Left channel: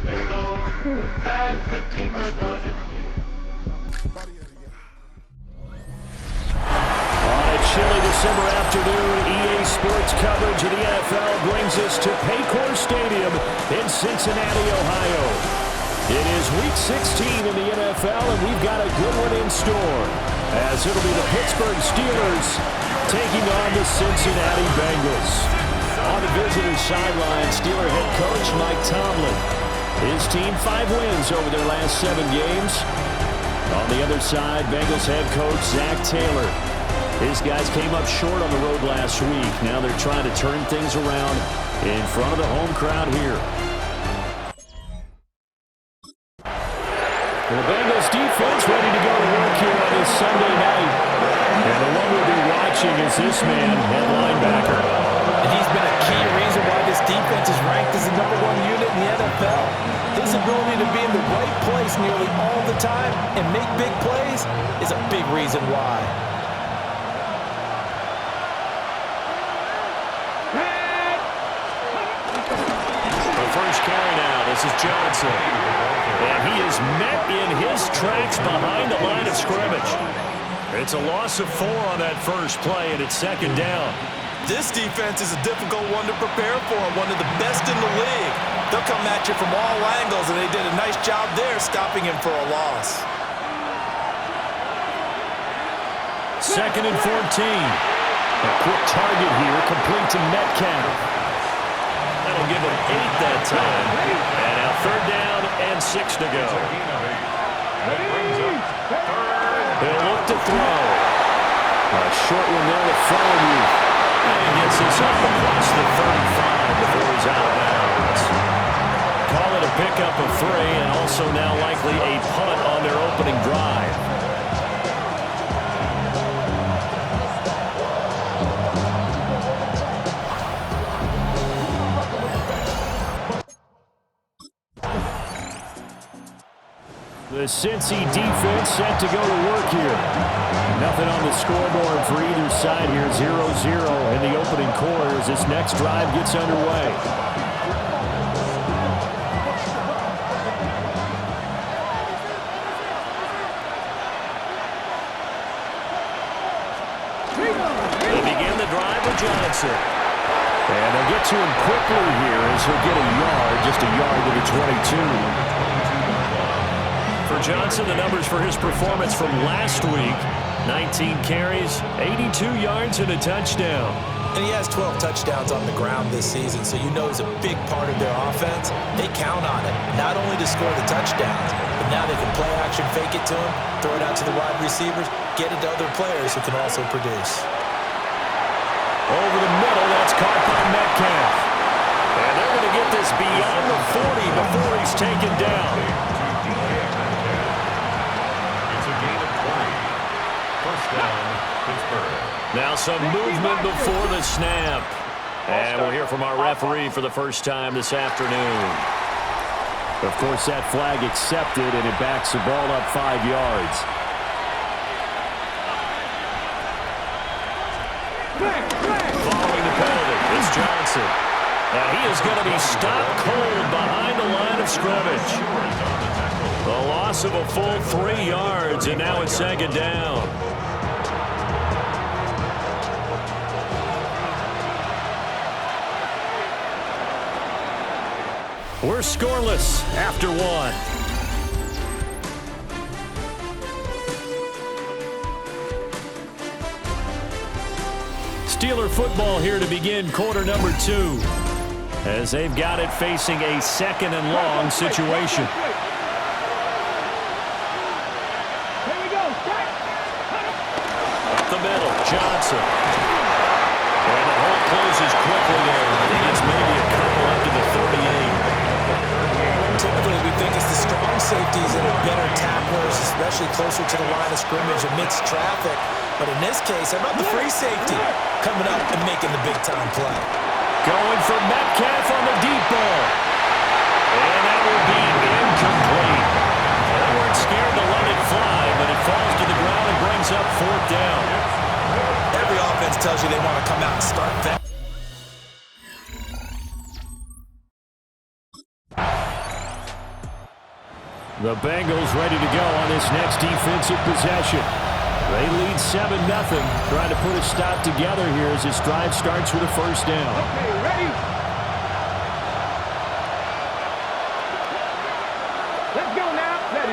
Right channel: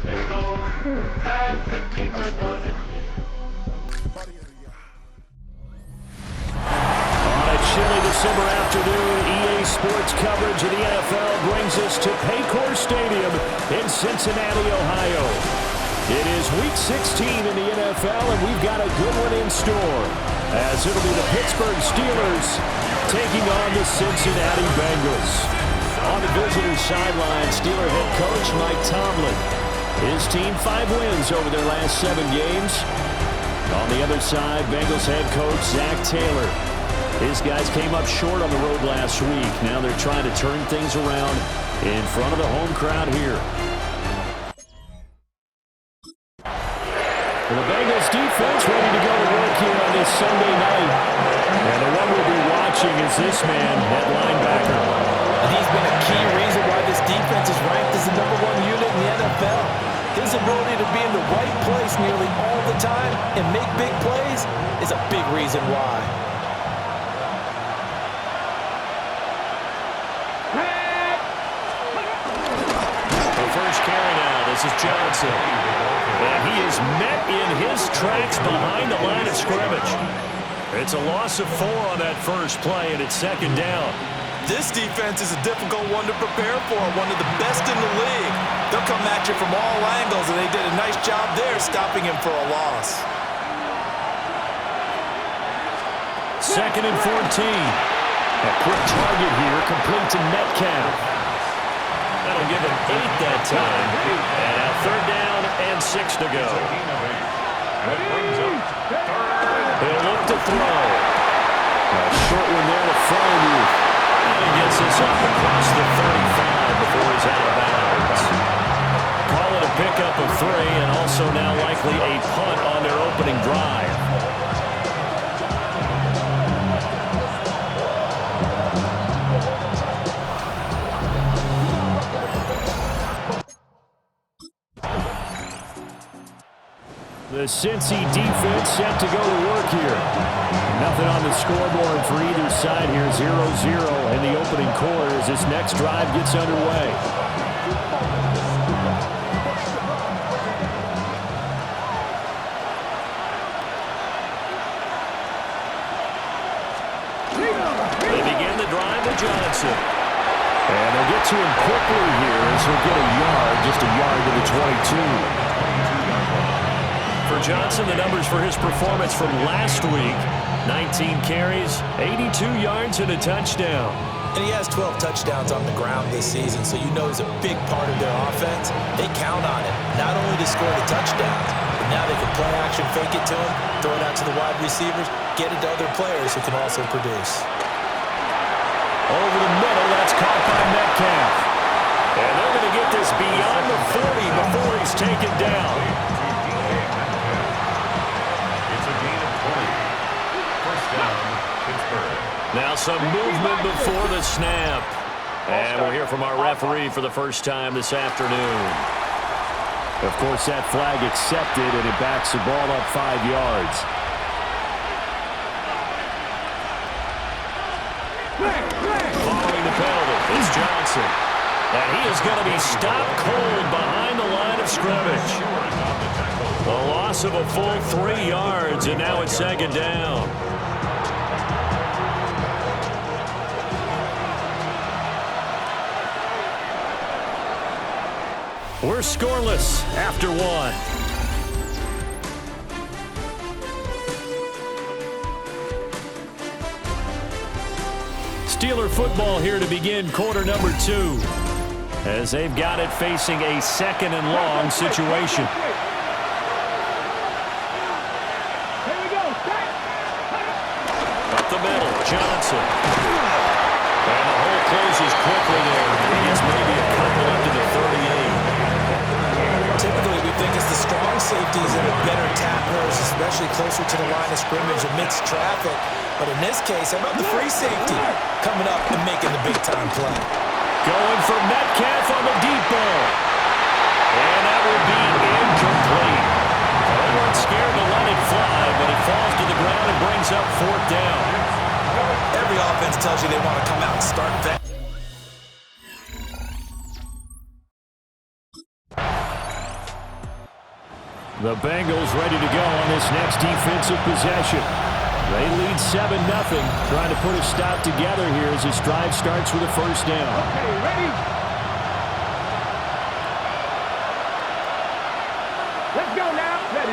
On a chilly December afternoon, EA Sports coverage of the NFL brings us to Paycor Stadium in Cincinnati, Ohio. It is Week 16 in the NFL, and we've got a good one in store, as it'll be the Pittsburgh Steelers taking on the Cincinnati Bengals. On the visitor's sideline, Steeler head coach Mike Tomlin. His team 5 wins over their last 7 games. On the other side, Bengals head coach Zach Taylor. His guys came up short on the road last week. Now they're trying to turn things around in front of the home crowd here. The Bengals defense ready to go to work here on this Sunday night. And the one we'll be watching is this man, head linebacker. And he's been a key reason why this defense is ranked as the #1 unit in the NFL. His ability to be in the right place nearly all the time and make big plays is a big reason why. First carry now. This is Johnson. And he is met in his tracks behind the line of scrimmage. It's a loss of 4 on that first play, and it's second down. This defense is a difficult one to prepare for, one of the best in the league. They'll come at you from all angles, and they did a nice job there stopping him for a loss. Second and 14. A quick target here, complete to Metcalf. That'll give him 8 that time. And now third down and 6 to go. He'll look to throw. A short one there to Freiermuth. And he gets this up across the 35 before he's out of bounds. Call it a pickup of 3, and also now likely a punt on their opening drive. The Cincy defense set to go to work here. Nothing on the scoreboard for either side here. 0-0 in the opening quarter as this next drive gets underway. They begin the drive with Johnson. And they'll get to him quickly here as he'll get a yard, just a yard to the 22. For Johnson, the numbers for his performance from last week: 19 carries, 82 yards, and a touchdown. And he has 12 touchdowns on the ground this season, so you know he's a big part of their offense. They count on it, not only to score the touchdowns, but now they can play action, fake it to him, throw it out to the wide receivers, get it to other players who can also produce. Over the middle, that's caught by Metcalf. And they're going to get this beyond the 40 before he's taken down. Now some movement before the snap. And we'll hear from our referee for the first time this afternoon. Of course, that flag accepted, and it backs the ball up 5 yards. Following the penalty, it's Johnson. And he is going to be stopped cold behind the line of scrimmage. A loss of a full 3 yards, and now it's second down. We're scoreless after 1. Steeler football here to begin quarter number 2, as they've got it facing a second and long situation. Up the middle, Johnson. And the hole closes quickly there. He gets maybe a couple up to the 38. Typically, we think it's the strong safeties that are better tacklers, especially closer to the line of scrimmage amidst traffic. But in this case, how about the free safety coming up and making the big-time play? Going for Metcalf on the deep ball. And that will be incomplete. They weren't scared to let it fly, but it falls to the ground and brings up 4th down. Every offense tells you they want to come out and start fast. The Bengals ready to go on this next defensive possession. They lead 7-0, trying to put a stop together here as this drive starts with a first down. Okay, ready? Let's go now. Ready.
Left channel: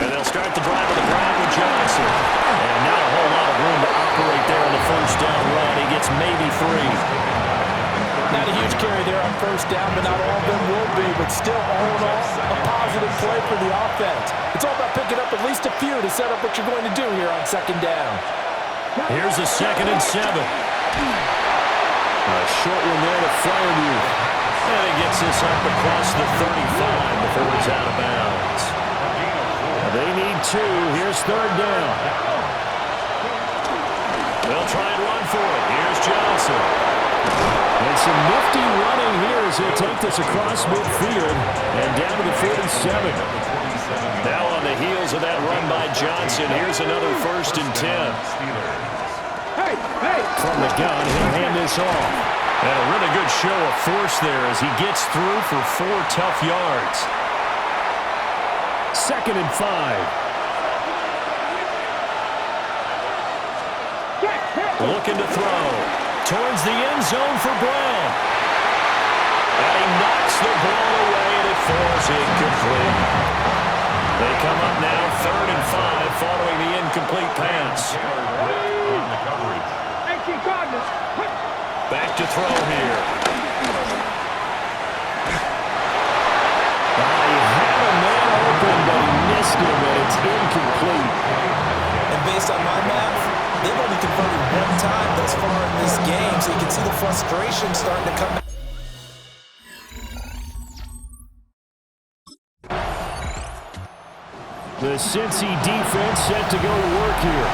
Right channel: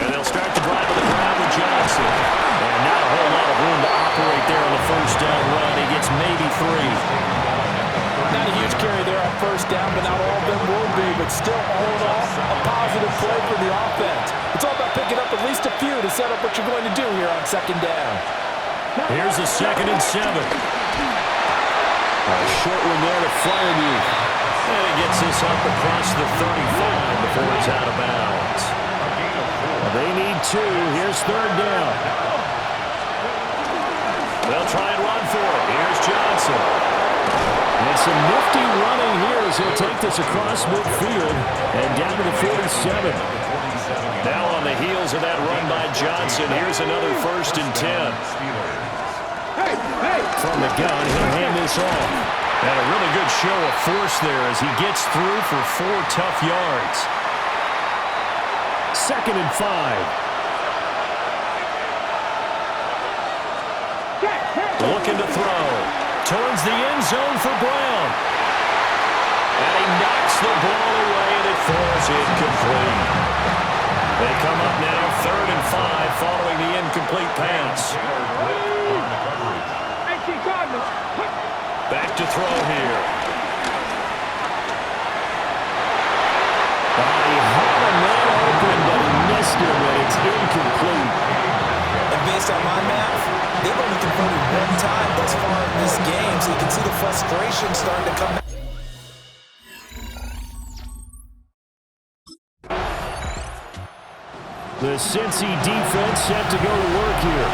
And they'll start the drive on the ground with Johnson. And not a whole lot of room to operate there on the first down run. He gets maybe 3. Not a huge carry there on first down, but not all of them will be. But still, all in all, a positive play for the offense. It's all about picking up at least a few to set up what you're going to do here on second down. Here's a 2nd and 7. A short one there to Fryermuth. And he gets this up across the 35 before he's out of bounds. They need 2. Here's 3rd down. They'll try and run for it. Here's Johnson. And some nifty running here as he'll take this across midfield and down to the 47. Now on the heels of that run by Johnson, here's another 1st and 10. From the gun, he'll hand this off. And a really good show of force there as he gets through for 4 tough yards. 2nd and 5. Looking to throw. Towards the end zone for Brown. And he knocks the ball away, and it falls incomplete. They come up now 3rd and 5 following the incomplete pass. Back to throw here. He had a man open, but he missed him, and it's incomplete. And based on my math, they've only converted 1 time thus far in this game, so you can see the frustration starting to come back. The Cincy defense set to go to work here.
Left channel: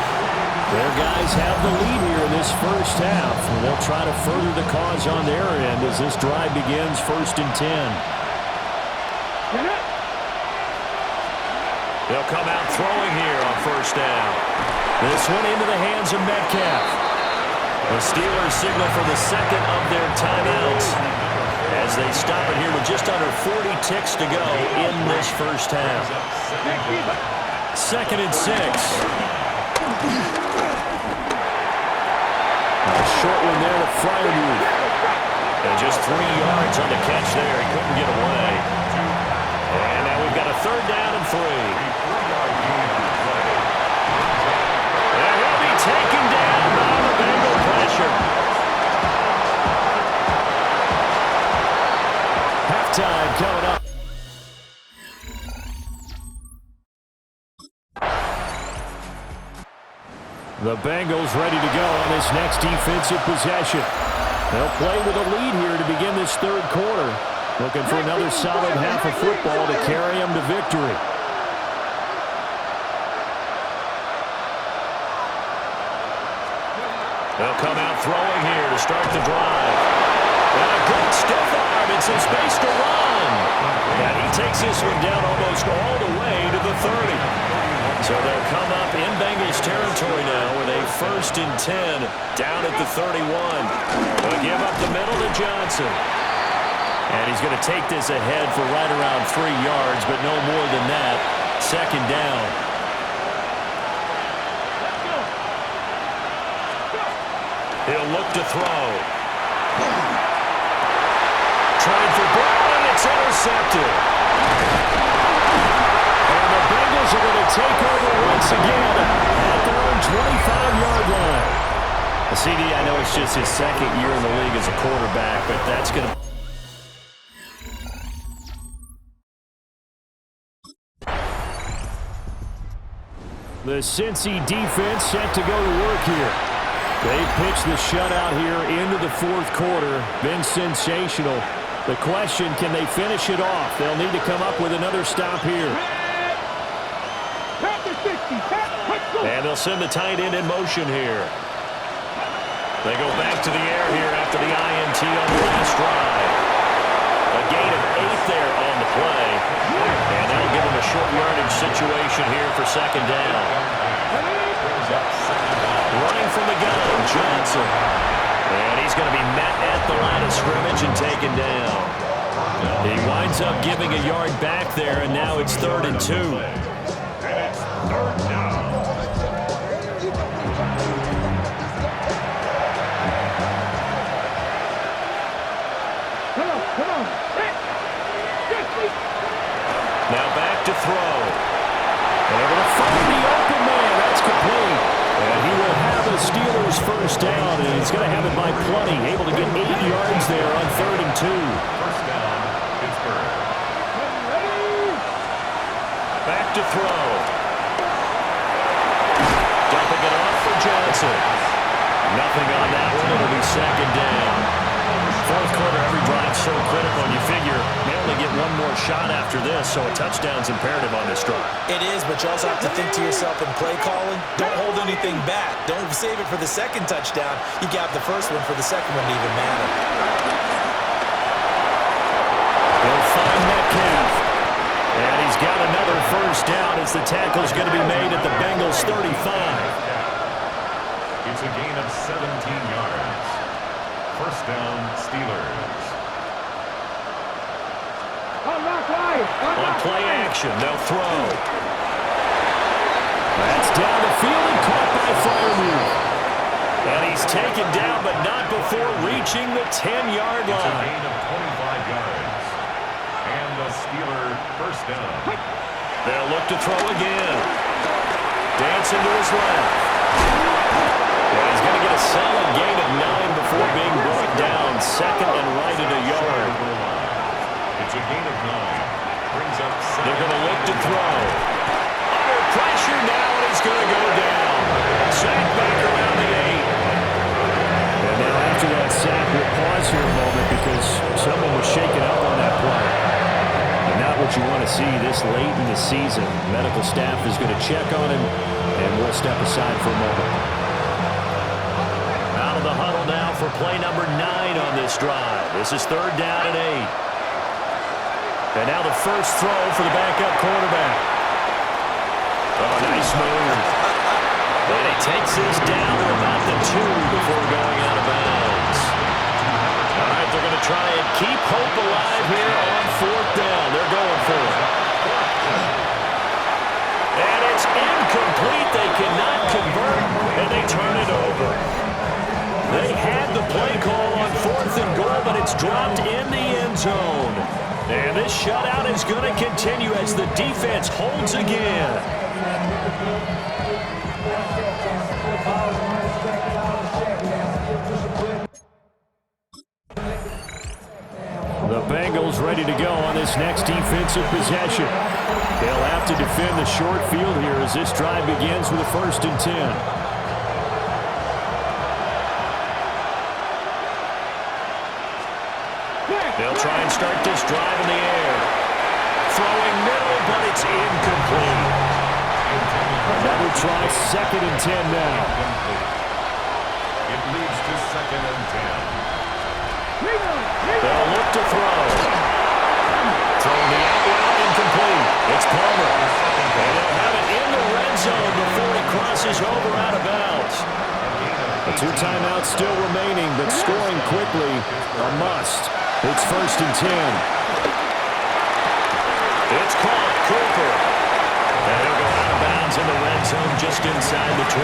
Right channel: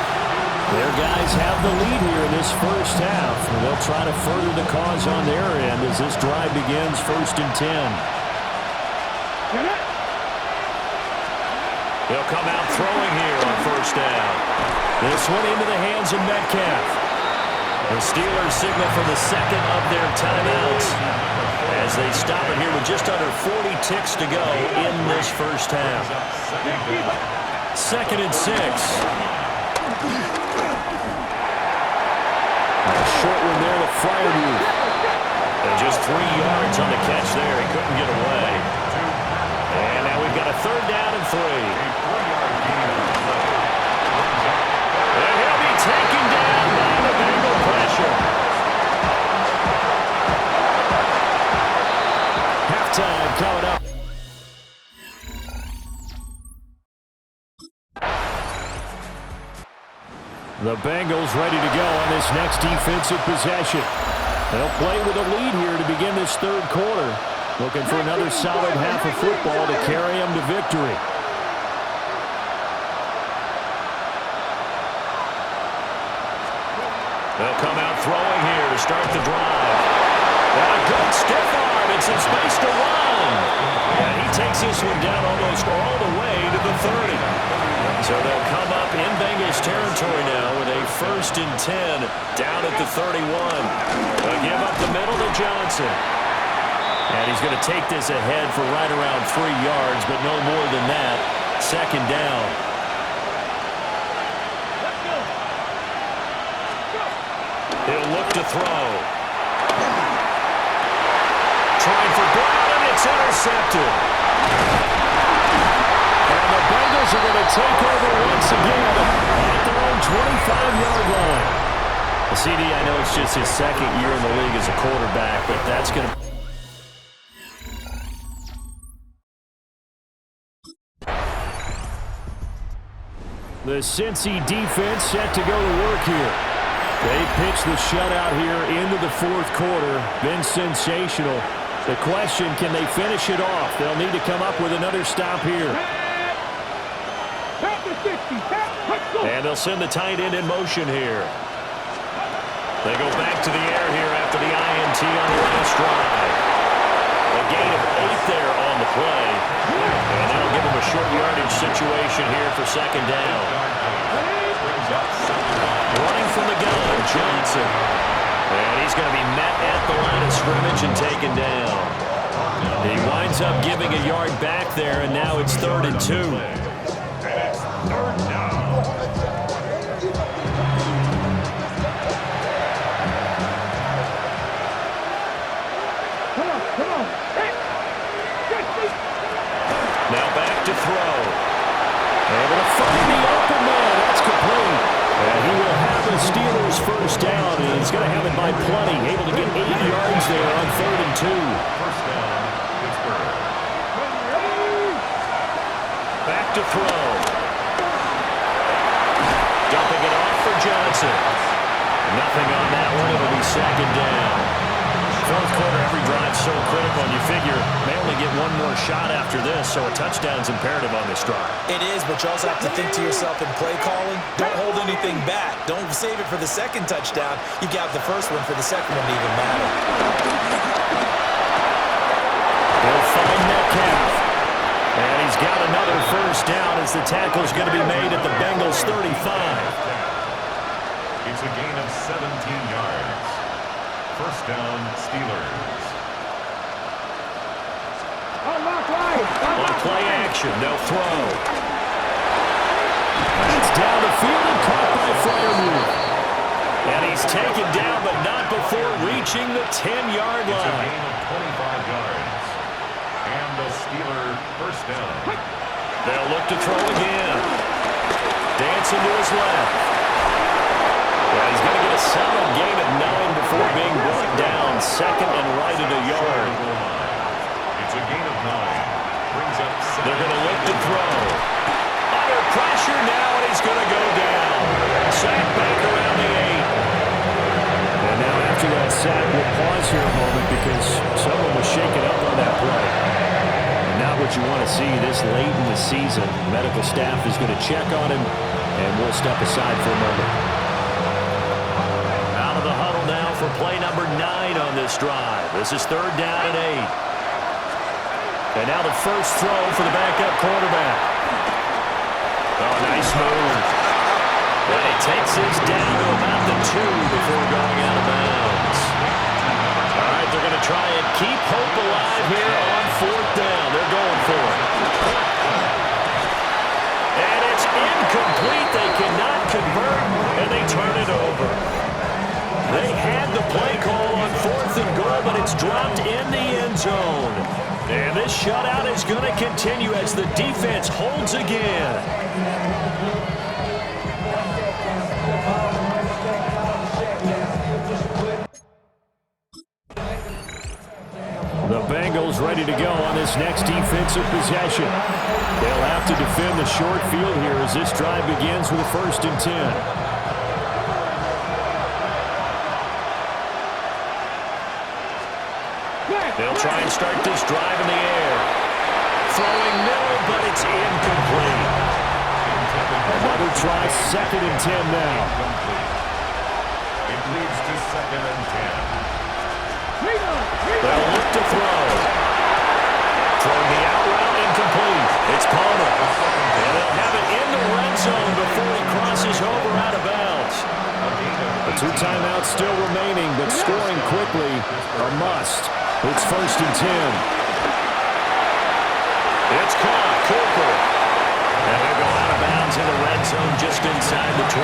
Their guys have the lead here in this first half, and they'll try to further the cause on their end as this drive begins 1st and 10. They'll come out throwing here on 1st down. This one into the hands of Metcalf. The Steelers signal for the 2nd of their timeouts as they stop it here with just under 40 ticks to go in this first half. 2nd and 6. A short one there to Fryermuth. And just 3 yards on the catch there. He couldn't get away. And now we've got a 3rd down and 3. And he'll be taken down by the Bengal pressure. Halftime coming up. The Bengals ready to go on this next defensive possession. They'll play with a lead here to begin this 3rd quarter. Looking for another solid half of football to carry them to victory. They'll come out throwing here to start the drive. And a good stiff arm and some space to run. And he takes this one down almost all the way to the 30. So they'll come up in Bengals territory now with a 1st and 10 down at the 31. They'll give up the middle to Johnson. And he's going to take this ahead for right around 3 yards, but no more than that. 2nd down. He'll look to throw. Trying for Brown, and it's intercepted. And the Bengals are going to take over once again at their own 25-yard line. Well, CD, I know it's just his 2nd year in the league as a quarterback, but that's going to... The Cincy defense set to go to work here. They pitched the shutout here into the 4th quarter. Been sensational. The question, can they finish it off? They'll need to come up with another stop here. And they'll send the tight end in motion here. They go back to the air here after the INT on the last drive. A gain of 8 there on the play. And that'll give them a short yardage situation here for 2nd down. Running from the gun, Johnson. And he's going to be met at the line of scrimmage and taken down. He winds up giving a yard back there, and now it's 3rd and 2. And it's 3rd down. Come on. Now back to throw. Able to find the open man. That's complete. And he will have the Steelers' first down, and he's going to have it by plenty. Able to get 8 yards there on 3rd and 2. First down, Pittsburgh. Back to throw. Dumping it off for Johnson. Nothing on that one. It'll be 2nd down. 4th quarter, every drive so critical, and you figure may only get one more shot after this, so a touchdown's imperative on this drive. It is, but you also have to think to yourself in play calling, don't hold anything back. Don't save it for the 2nd touchdown. You got the 1st one for the 2nd one to even matter. He'll find Metcalf. And he's got another 1st down as the tackle's going to be made at the Bengals' 35. It's a gain of 17 yards. 1st down, Steelers. On play action, they'll throw. That's down the field and caught by Freiermuth. And he's taken down, but not before reaching the 10-yard line. It's a gain of 25 yards. And a Steeler 1st down. They'll look to throw again. Dancing to his left. Yeah, he's going to get a solid gain of 9 before being brought down. 2nd and right at a yard. It's a gain of 9. Brings up 7. They're going to look to throw. Under pressure now, and he's going to go down. Sack back around the 8. And now after that sack, we'll pause here a moment because someone was shaken up on that play. And not what you want to see this late in the season. Medical staff is going to check on him, and we'll step aside for a moment. Out of the huddle now for play number 9 on this drive. This is 3rd down and 8. And now the first throw for the backup quarterback. Oh, nice move. And he takes his down to about the 2 before going out of bounds. All right, they're going to try and keep hope alive here on 4th down. They're going for it. And it's incomplete. They cannot convert, and they turn it over. They had the play call on 4th and goal, but it's dropped in the end zone. And this shutout is going to continue as the defense holds again. The Bengals ready to go on this next defensive possession. They'll have to defend the short field here as this drive begins with a 1st and 10. They'll try and start this drive in the air. Throwing middle, but it's incomplete. Another try, 2nd and 10 now. It leads to 2nd and 10. They'll look to throw. Throwing the out route, incomplete. It's Palmer. And they'll have it in the red zone before he crosses over out of bounds. The 2 timeouts still remaining, but scoring quickly a must. It's 1st and 10. It's caught, Cooper. And he'll go out of bounds in the red zone just inside the 20.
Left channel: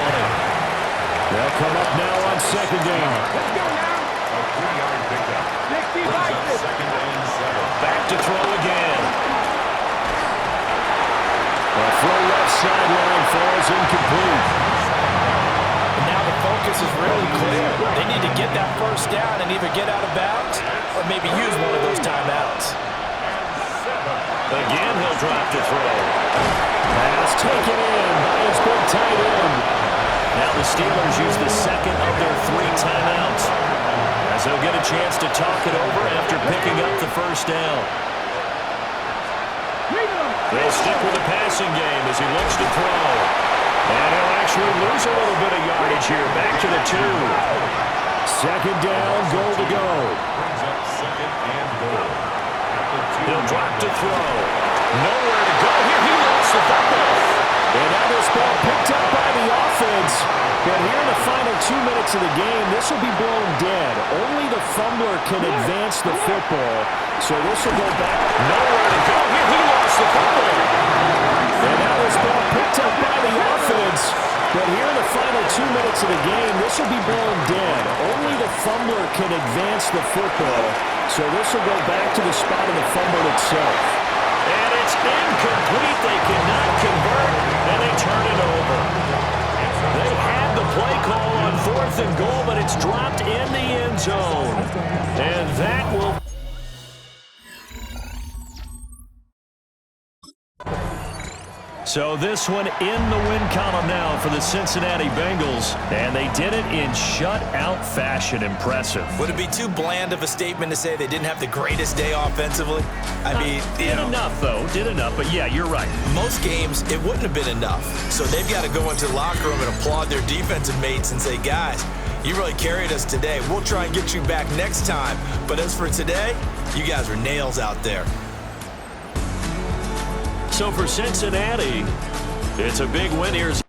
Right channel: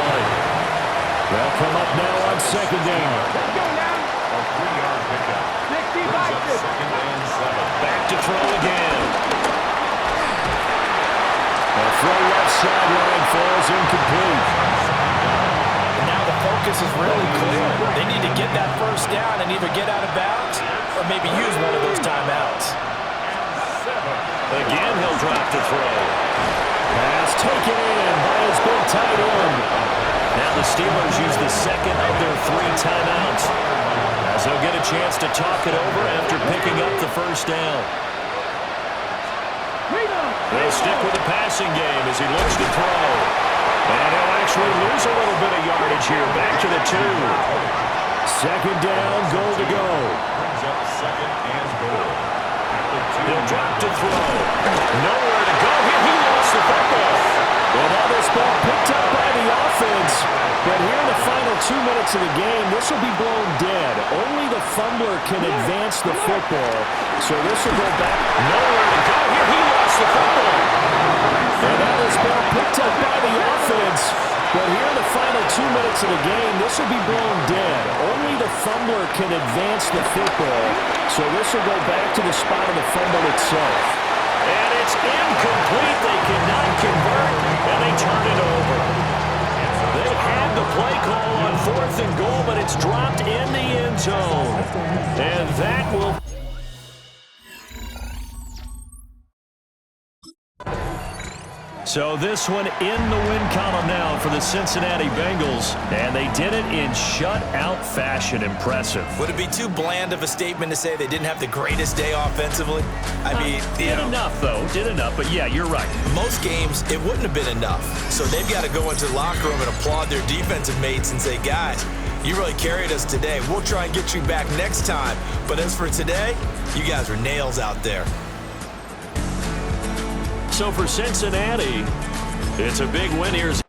They'll come up now on 2nd down. Let's go now. A 3-yard pickup. Brings up 2nd and 7. Back to throw again. A throw left sideline falls incomplete. And now the focus is really clear. They need to get that 1st down and either get out of bounds or maybe use one of those timeouts. Again, he'll drop to throw. Pass taken in by his big tight end. Now the Steelers use the 2nd of their 3 timeouts, as they'll get a chance to talk it over after picking up the 1st down. They'll stick with the passing game as he looks to throw. And he'll actually lose a little bit of yardage here. Back to the 2. 2nd down, goal to go. Brings up 2nd and goal. He'll drop to throw. Nowhere to go here. He lost the football. And now this ball picked up by the offense. But here in the final 2 minutes of the game, this will be blown dead. Only the fumbler can advance the football. So this will go back. Nowhere to go here. He lost the football. And now this ball picked up by the offense. But here in the final 2 minutes of the game, this will be blown dead. Only the fumbler can advance the football. So this will go back to the spot of the fumble itself. And it's incomplete. They cannot convert, and they turn it over. They had the play call on 4th and goal, but it's dropped in the end zone. And that will... So this one in the win column now for the Cincinnati Bengals, and they did it in shutout fashion. Impressive. Would it be too bland of a statement to say they didn't have the greatest day offensively? I mean, did enough, though. Did enough, but yeah, you're right. Most games, it wouldn't have been enough. So they've got to go into the locker room and applaud their defensive mates and say, guys, you really carried us today. We'll try and get you back next time. But as for today, you guys were nails out there. So for Cincinnati, it's a big win. Here's